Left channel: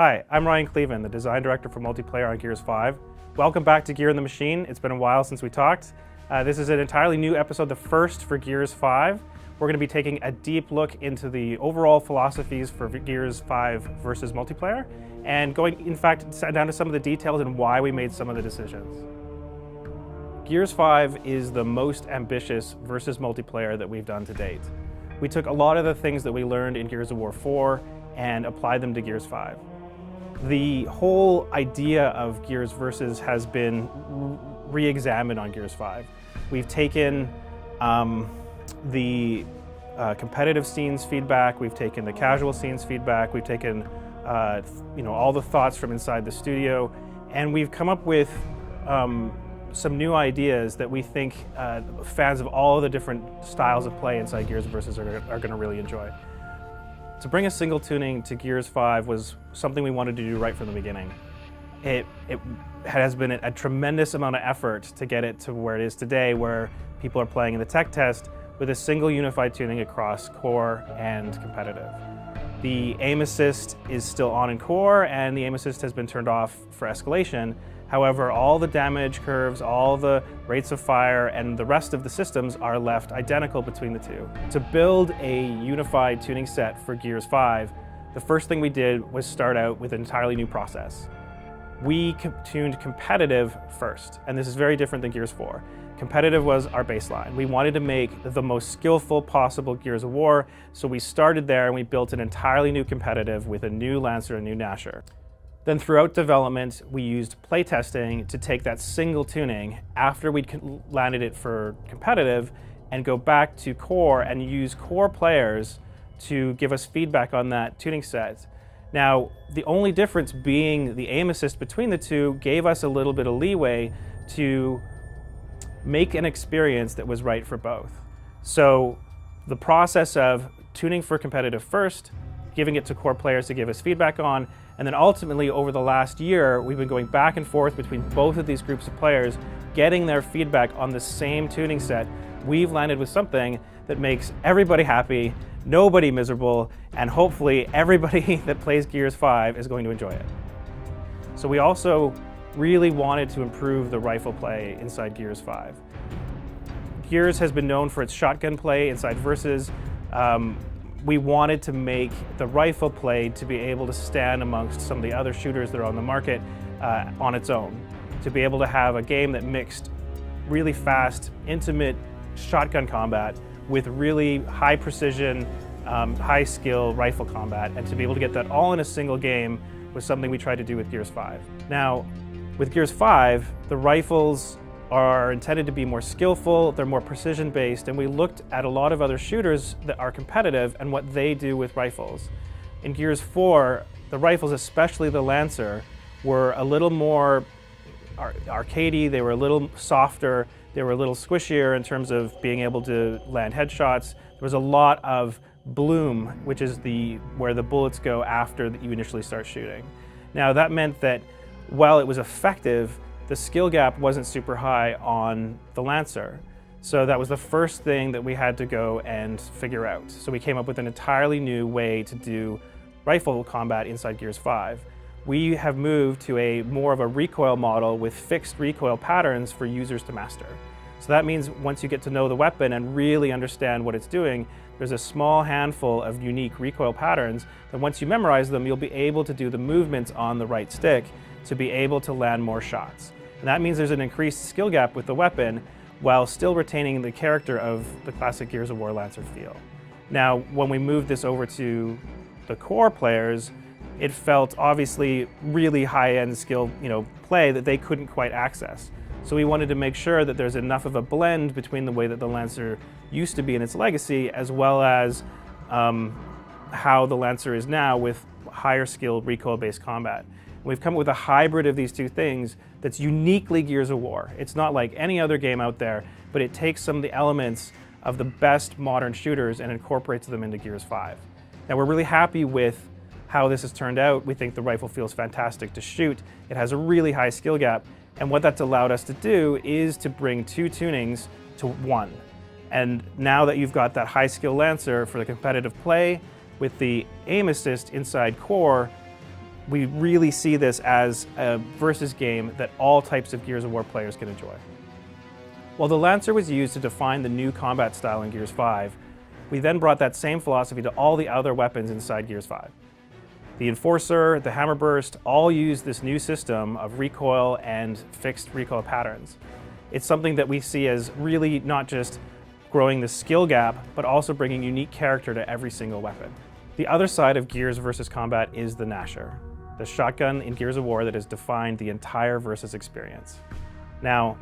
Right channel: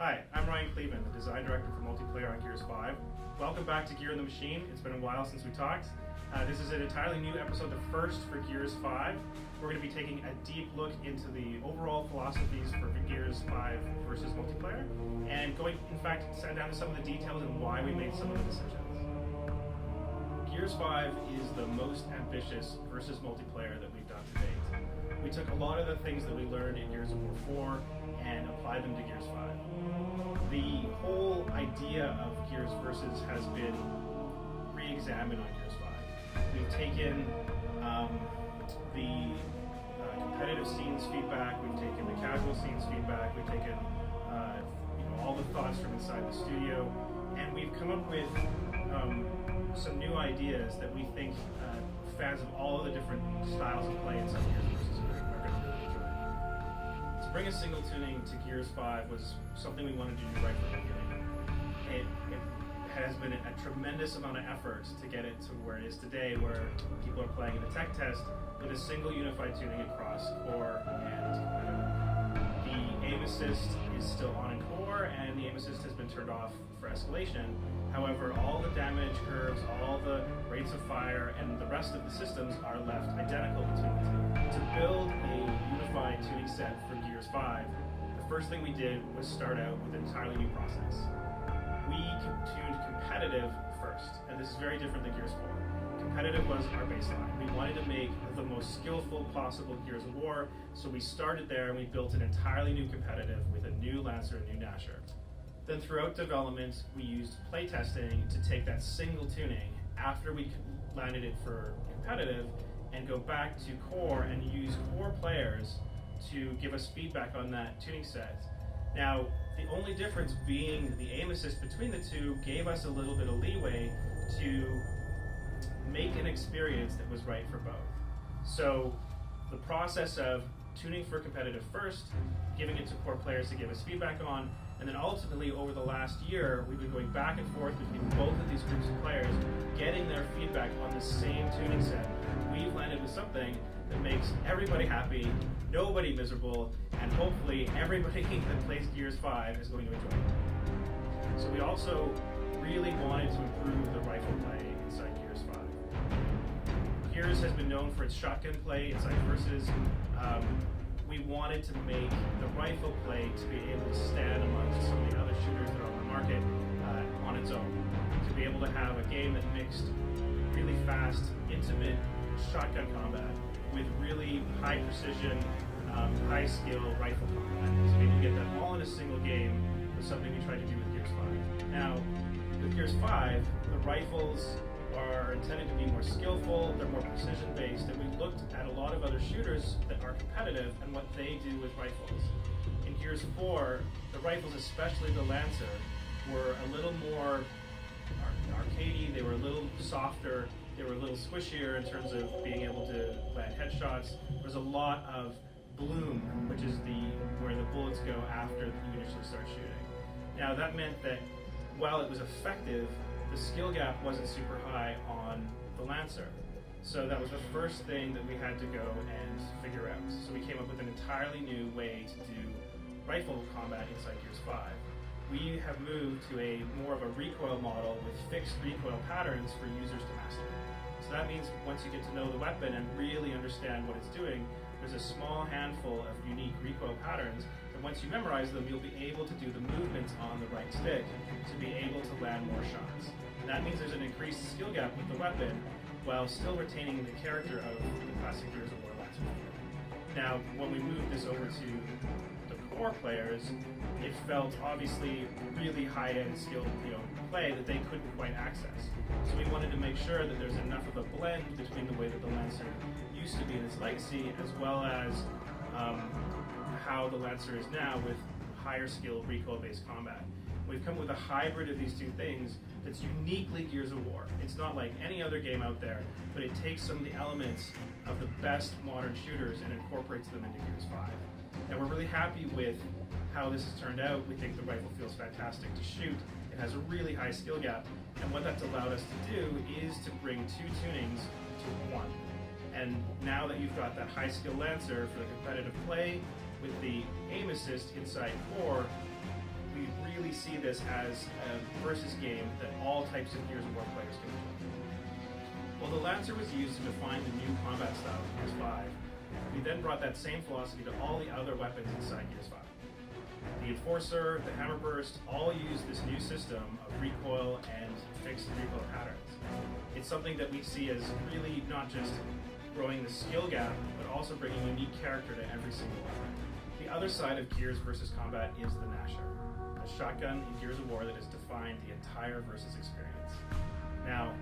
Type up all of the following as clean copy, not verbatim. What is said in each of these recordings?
Hi, I'm Ryan Cleven, the design director for multiplayer on Gears 5. Welcome back to Gear in the Machine. It's been a while since we talked. This is an entirely new episode, the first for Gears 5. We're going to be taking a deep look into the overall philosophies for Gears 5 versus multiplayer, and going, in fact, down to some of the details and why we made some of the decisions. Gears 5 is the most ambitious versus multiplayer that we've done to date. We took a lot of the things that we learned in Gears of War 4 and applied them to Gears 5. The whole idea of Gears Versus has been re-examined on Gears 5. We've taken the competitive scenes feedback, we've taken the casual scenes feedback, we've taken all the thoughts from inside the studio, and we've come up with some new ideas that we think fans of all the different styles of play inside Gears Versus are going to really enjoy. To bring a single tuning to Gears 5 was something we wanted to do right from the beginning. It has been a tremendous amount of effort to get it to where it is today, where people are playing in the tech test with a single unified tuning across core and competitive. The aim assist is still on in core, and the aim assist has been turned off for escalation. However, all the damage curves, all the rates of fire, and the rest of the systems are left identical between the two. To build a unified tuning set for Gears 5, the first thing we did was start out with an entirely new process. We tuned competitive first, and this is very different than Gears 4. Competitive was our baseline. We wanted to make the most skillful possible Gears of War, so we started there and we built an entirely new competitive with a new Lancer and a new Gnasher. Then throughout development, we used playtesting to take that single tuning after we'd landed it for competitive and go back to core and use core players to give us feedback on that tuning set. Now, the only difference being the aim assist between the two gave us a little bit of leeway to make an experience that was right for both. So the process of tuning for competitive first, giving it to core players to give us feedback on, and then ultimately over the last year, we've been going back and forth between both of these groups of players, getting their feedback on the same tuning set. We've landed with something that makes everybody happy, nobody miserable, and hopefully everybody that plays Gears 5 is going to enjoy it. So we also really wanted to improve the rifle play inside Gears 5. Gears has been known for its shotgun play inside Versus. We wanted to make the rifle play to be able to stand amongst some of the other shooters that are on the market on its own. To be able to have a game that mixed really fast, intimate shotgun combat with really high precision, high skill rifle combat, and to be able to get that all in a single game was something we tried to do with Gears 5. Now, with Gears 5, the rifles are intended to be more skillful, they're more precision-based, and we looked at a lot of other shooters that are competitive and what they do with rifles. In Gears 4, the rifles, especially the Lancer, were a little more arcadey, they were a little softer, they were a little squishier in terms of being able to land headshots. There was a lot of bloom, which is where the bullets go after you initially start shooting. Now that meant that while it was effective, the skill gap wasn't super high on the Lancer. So that was the first thing that we had to go and figure out. So we came up with an entirely new way to do rifle combat inside Gears 5. We have moved to more of a recoil model with fixed recoil patterns for users to master. So that means once you get to know the weapon and really understand what it's doing, there's a small handful of unique recoil patterns, and once you memorize them, you'll be able to do the movements on the right stick to be able to land more shots. And that means there's an increased skill gap with the weapon while still retaining the character of the classic Gears of War Lancer feel. Now, when we moved this over to the core players, it felt obviously really high-end skill play that they couldn't quite access. So we wanted to make sure that there's enough of a blend between the way that the Lancer used to be in its legacy, as well as how the Lancer is now with higher skilled recoil-based combat. We've come up with a hybrid of these two things that's uniquely Gears of War. It's not like any other game out there, but it takes some of the elements of the best modern shooters and incorporates them into Gears 5. Now we're really happy with how this has turned out. We think the rifle feels fantastic to shoot. It has a really high skill gap, and what that's allowed us to do is to bring two tunings to one. And now that you've got that high skill Lancer for the competitive play with the aim assist inside core, we really see this as a versus game that all types of Gears of War players can enjoy. While the Lancer was used to define the new combat style in Gears 5, we then brought that same philosophy to all the other weapons inside Gears 5. The Enforcer, the Hammerburst, all use this new system of recoil and fixed recoil patterns. It's something that we see as really not just growing the skill gap, but also bringing unique character to every single weapon. The other side of Gears versus combat is the Gnasher, the shotgun in Gears of War that has defined the entire versus experience. Now,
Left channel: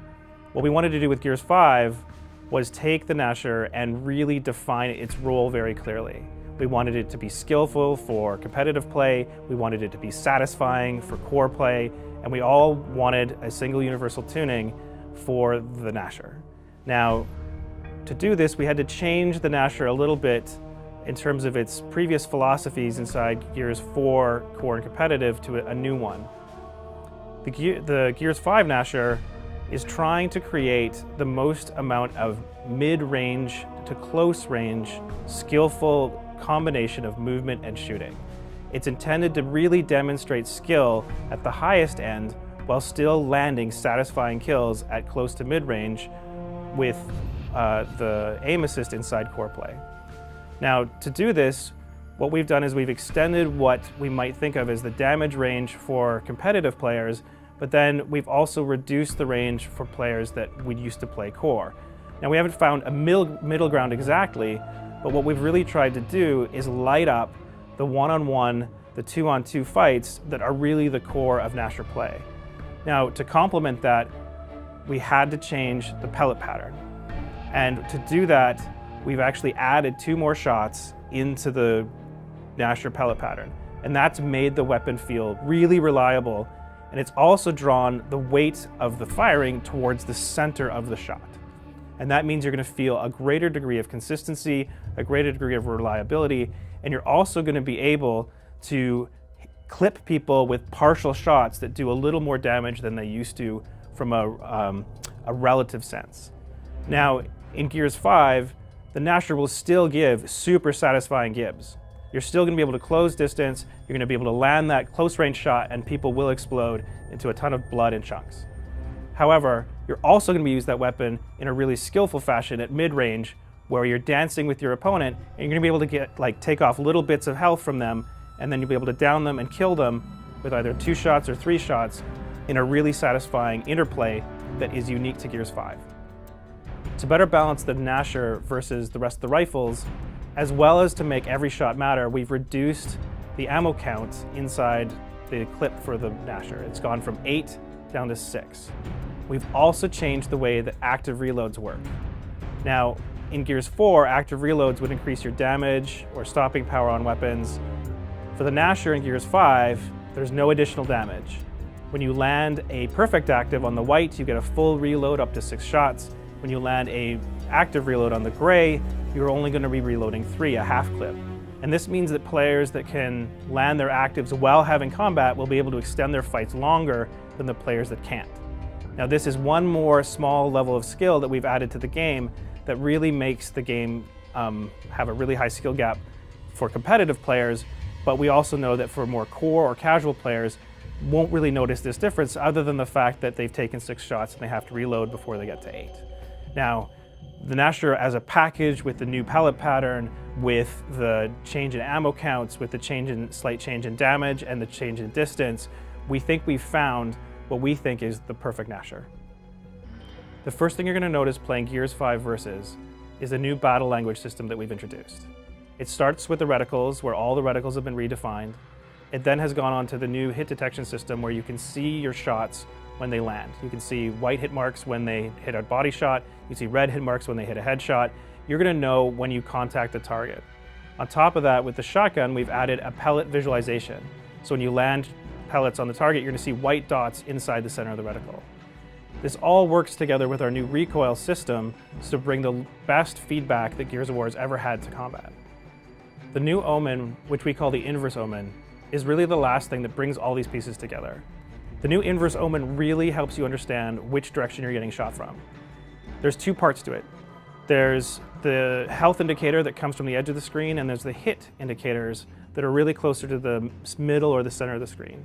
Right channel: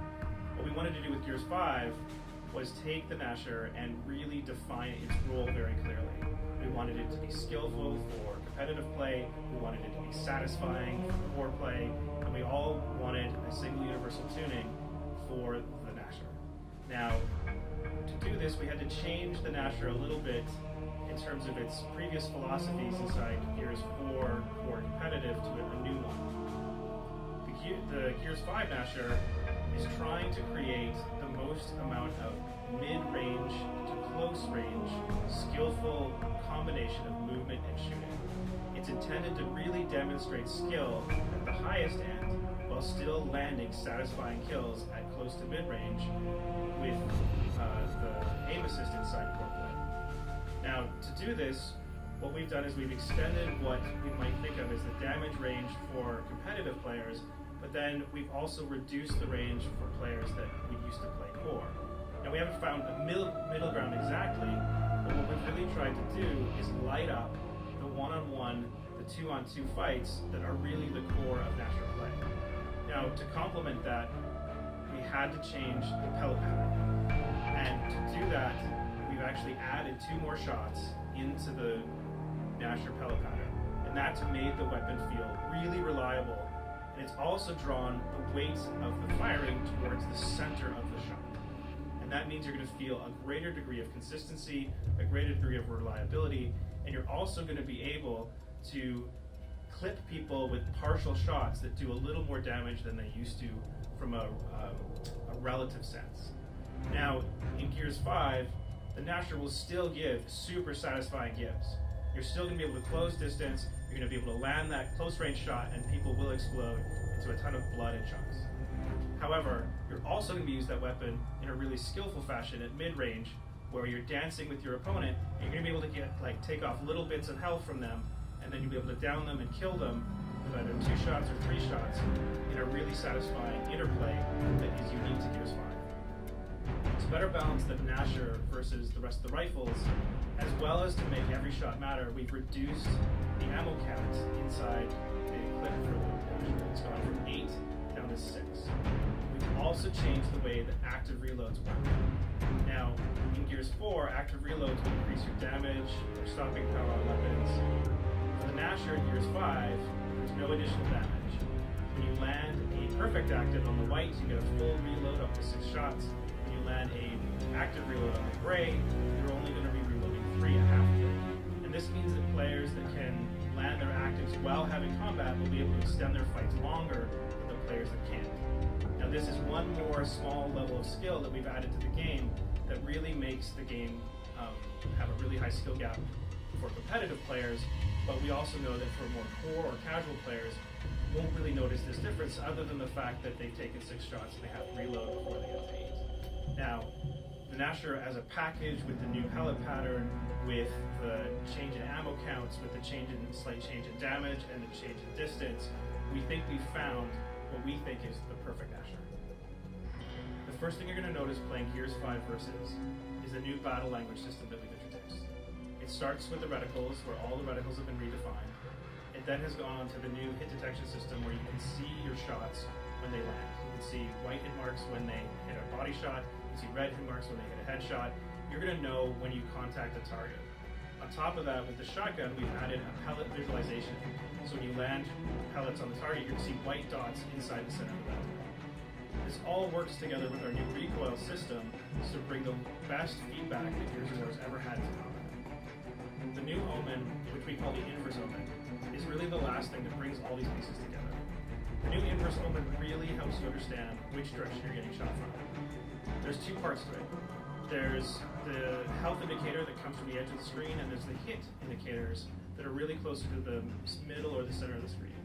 what we wanted to do with Gears 5 was take the Gnasher and really define its role very clearly. We wanted it to be skillful for competitive play, we wanted it to be satisfying for core play, and we all wanted a single universal tuning for the Gnasher. Now, to do this, we had to change the Gnasher a little bit in terms of its previous philosophies inside Gears 4 core and competitive to a new one. The Gears 5 Gnasher is trying to create the most amount of mid-range to close-range, skillful combination of movement and shooting. It's intended to really demonstrate skill at the highest end while still landing satisfying kills at close to mid-range with the aim assist inside core play. Now, to do this, what we've done is we've extended what we might think of as the damage range for competitive players, but then we've also reduced the range for players that we used to play core. Now, we haven't found a middle ground exactly, but what we've really tried to do is light up the one-on-one, the two-on-two fights that are really the core of Gnasher play. Now, to complement that, we had to change the pellet pattern. And to do that, we've actually added 2 more shots into the Gnasher pellet pattern. And that's made the weapon feel really reliable. And it's also drawn the weight of the firing towards the center of the shot. And that means you're going to feel a greater degree of consistency, a greater degree of reliability, and you're also going to be able to clip people with partial shots that do a little more damage than they used to from a relative sense. Now, in Gears 5, the Gnasher will still give super satisfying gibs. You're still going to be able to close distance, you're going to be able to land that close range shot, and people will explode into a ton of blood and chunks. However, you're also going to use that weapon in a really skillful fashion at mid-range, where you're dancing with your opponent, and you're going to be able to take off little bits of health from them, and then you'll be able to down them and kill them with either 2 shots or 3 shots in a really satisfying interplay that is unique to Gears 5. To better balance the Gnasher versus the rest of the rifles, as well as to make every shot matter, we've reduced the ammo count inside the clip for the Gnasher. It's gone from 8 down to 6. We've also changed the way that active reloads work. Now, in Gears 4, active reloads would increase your damage or stopping power on weapons. For the Gnasher in Gears 5, there's no additional damage. When you land a perfect active on the white, you get a full reload up to 6 shots. When you land a active reload on the gray, you're only going to be reloading 3, a half clip. And this means that players that can land their actives while having combat will be able to extend their fights longer than the players that can't. Now, this is one more small level of skill that we've added to the game that really makes the game have a really high skill gap for competitive players, but we also know that for more core or casual players, won't really notice this difference other than the fact that they've taken 6 shots and they have to reload before they get to 8. Now, the Gnasher as a package with the new pellet pattern, with the change in ammo counts, with the slight change in damage and the change in distance, we think we've found what we think is the perfect Gnasher. The first thing you're going to notice playing Gears 5 Versus is a new battle language system that we've introduced. It starts with the reticles, where all the reticles have been redefined. It then has gone on to the new hit detection system, where you can see your shots when they land. You can see white hit marks when they hit a body shot. You see red hit marks when they hit a headshot. You're going to know when you contact the target. On top of that, with the shotgun, we've added a pellet visualization. So when you land pellets on the target, you're going to see white dots inside the center of the reticle. This all works together with our new recoil system to bring the best feedback that Gears of War has ever had to combat. The new Omen, which we call the Inverse Omen, is really the last thing that brings all these pieces together. The new Inverse Omen really helps you understand which direction you're getting shot from. There's 2 parts to it. There's the health indicator that comes from the edge of the screen, and there's the hit indicators that are really closer to the middle or the center of the screen.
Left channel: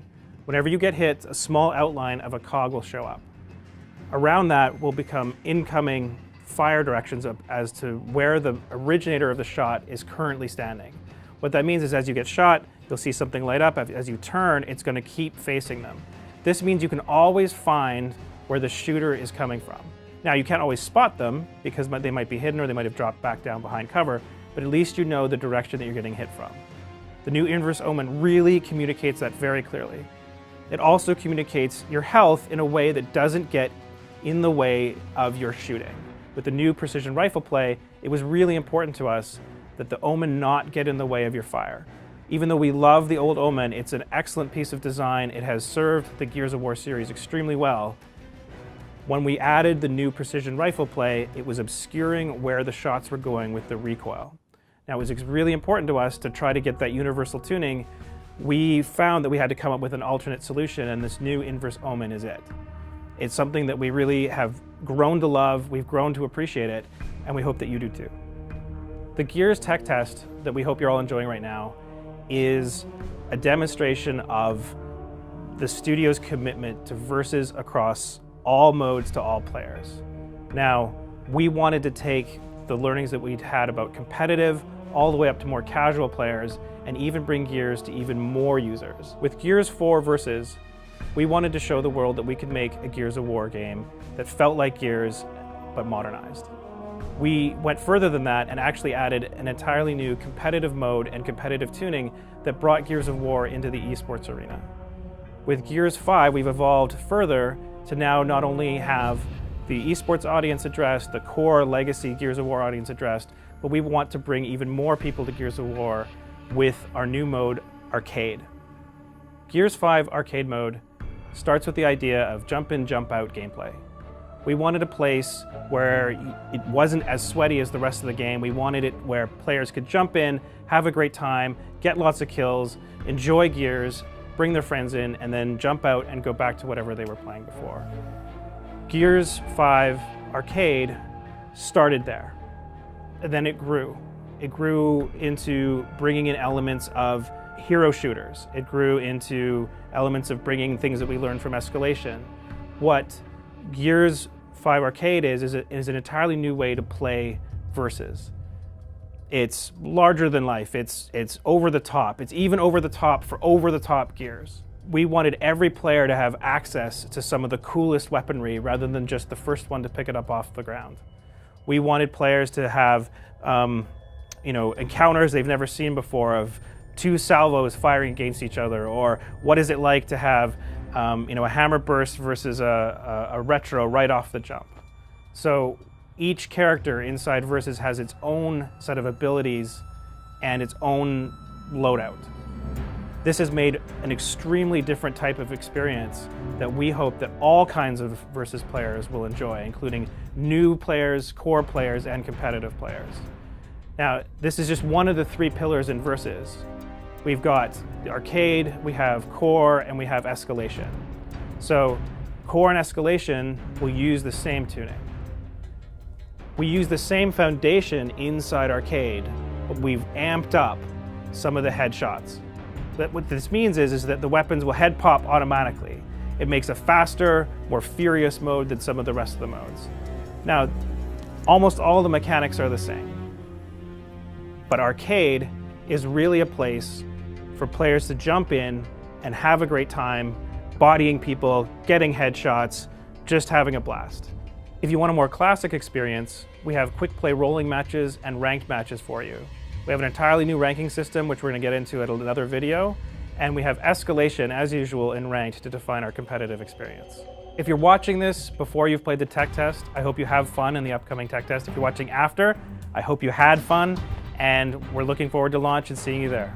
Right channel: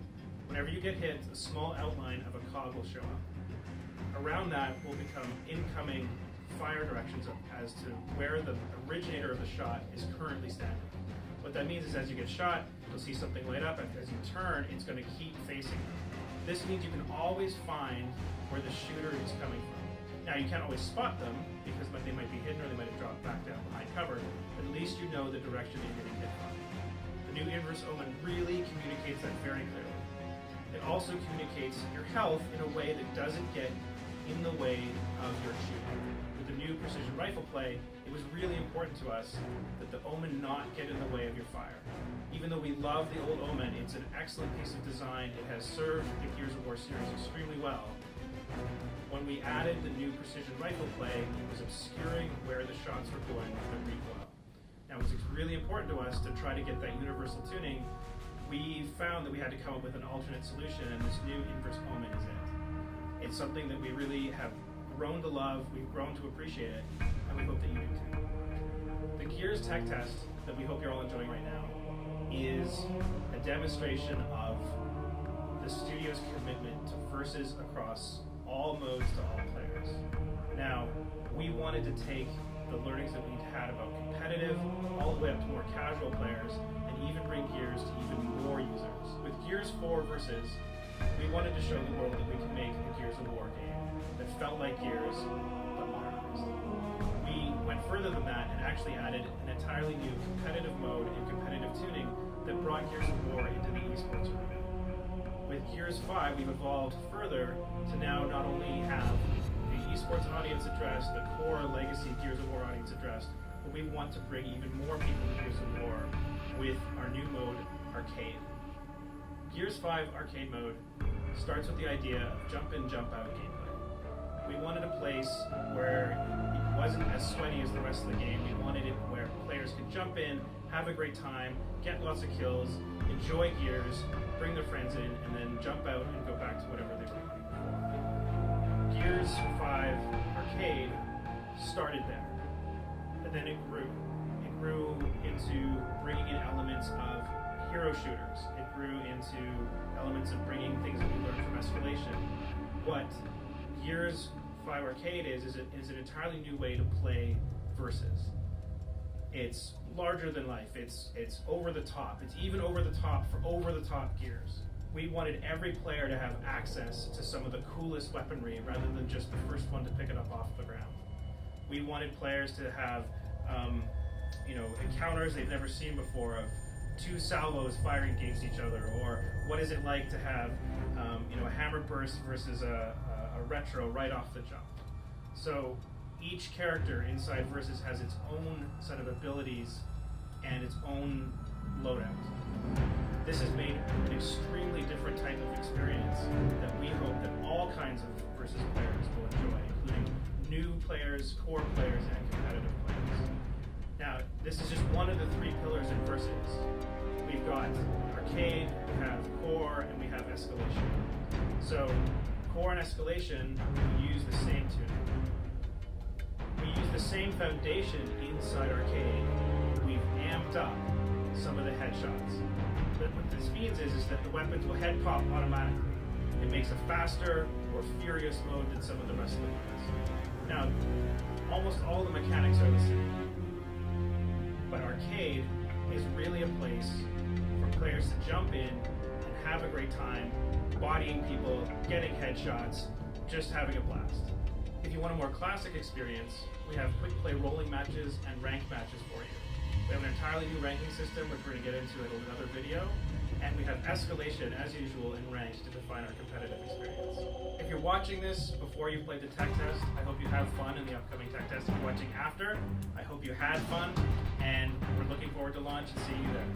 Whenever you get hit, a small outline of a cog will show up. Around that will become incoming fire directions as to where the originator of the shot is currently standing. What that means is as you get shot, you'll see something light up. As you turn, it's going to keep facing them. This means you can always find where the shooter is coming from. Now, you can't always spot them because they might be hidden or they might have dropped back down behind cover, but at least you know the direction that you're getting hit from. The new Inverse Omen really communicates that very clearly. It also communicates your health in a way that doesn't get in the way of your shooting. With the new precision rifle play, it was really important to us that the Omen not get in the way of your fire. Even though we love the old Omen, it's an excellent piece of design. It has served the Gears of War series extremely well. When we added the new precision rifle play, it was obscuring where the shots were going with the recoil. Now, it was really important to us to try to get that universal tuning. We found that we had to come up with an alternate solution, and this new Inverse Omen is it. It's something that we really have grown to love, we've grown to appreciate it, and we hope that you do too. The Gears tech test that we hope you're all enjoying right now is a demonstration of the studio's commitment to versus across all modes to all players. Now, we wanted to take the learnings that we'd had about competitive all the way up to more casual players and even bring Gears to even more users. With Gears 4 Versus, we wanted to show the world that we could make a Gears of War game that felt like Gears, but modernized. We went further than that and actually added an entirely new competitive mode and competitive tuning that brought Gears of War into the esports arena. With Gears 5, we've evolved further to now not only have the esports audience addressed, the core legacy Gears of War audience addressed, but we want to bring even more people to Gears of War with our new mode, Arcade. Gears 5 Arcade mode starts with the idea of jump in, jump out gameplay. We wanted a place where it wasn't as sweaty as the rest of the game. We wanted it where players could jump in, have a great time, get lots of kills, enjoy Gears, bring their friends in, and then jump out and go back to whatever they were playing before. Gears 5 Arcade started there, and then it grew. It grew into bringing in elements of hero shooters. It grew into elements of bringing things that we learned from Escalation. What Gears 5 Arcade is an entirely new way to play Versus. It's larger than life. It's over the top. It's even over the top for over the top Gears. We wanted every player to have access to some of the coolest weaponry rather than just the first one to pick it up off the ground. We wanted players to have encounters they've never seen before of two salvos firing against each other, or what is it like to have a hammer burst versus a retro right off the jump. So each character inside Versus has its own set of abilities and its own loadout. This has made an extremely different type of experience that we hope that all kinds of Versus players will enjoy, including new players, core players, and competitive players. Now, this is just one of the three pillars in Versus. We've got the Arcade, we have Core, and we have Escalation. So Core and Escalation will use the same tuning. We use the same foundation inside Arcade, but we've amped up some of the headshots. But what this means is that the weapons will head pop automatically. It makes a faster, more furious mode than some of the rest of the modes. Now, almost all the mechanics are the same. But Arcade is really a place for players to jump in and have a great time, bodying people, getting headshots, just having a blast. If you want a more classic experience, we have quick play rolling matches and ranked matches for you. We have an entirely new ranking system, which we're going to get into at another video, and we have Escalation, as usual, in ranked to define our competitive experience. If you're watching this before you've played the tech test, I hope you have fun in the upcoming tech test. If you're watching after, I hope you had fun, and we're looking forward to launch and seeing you there.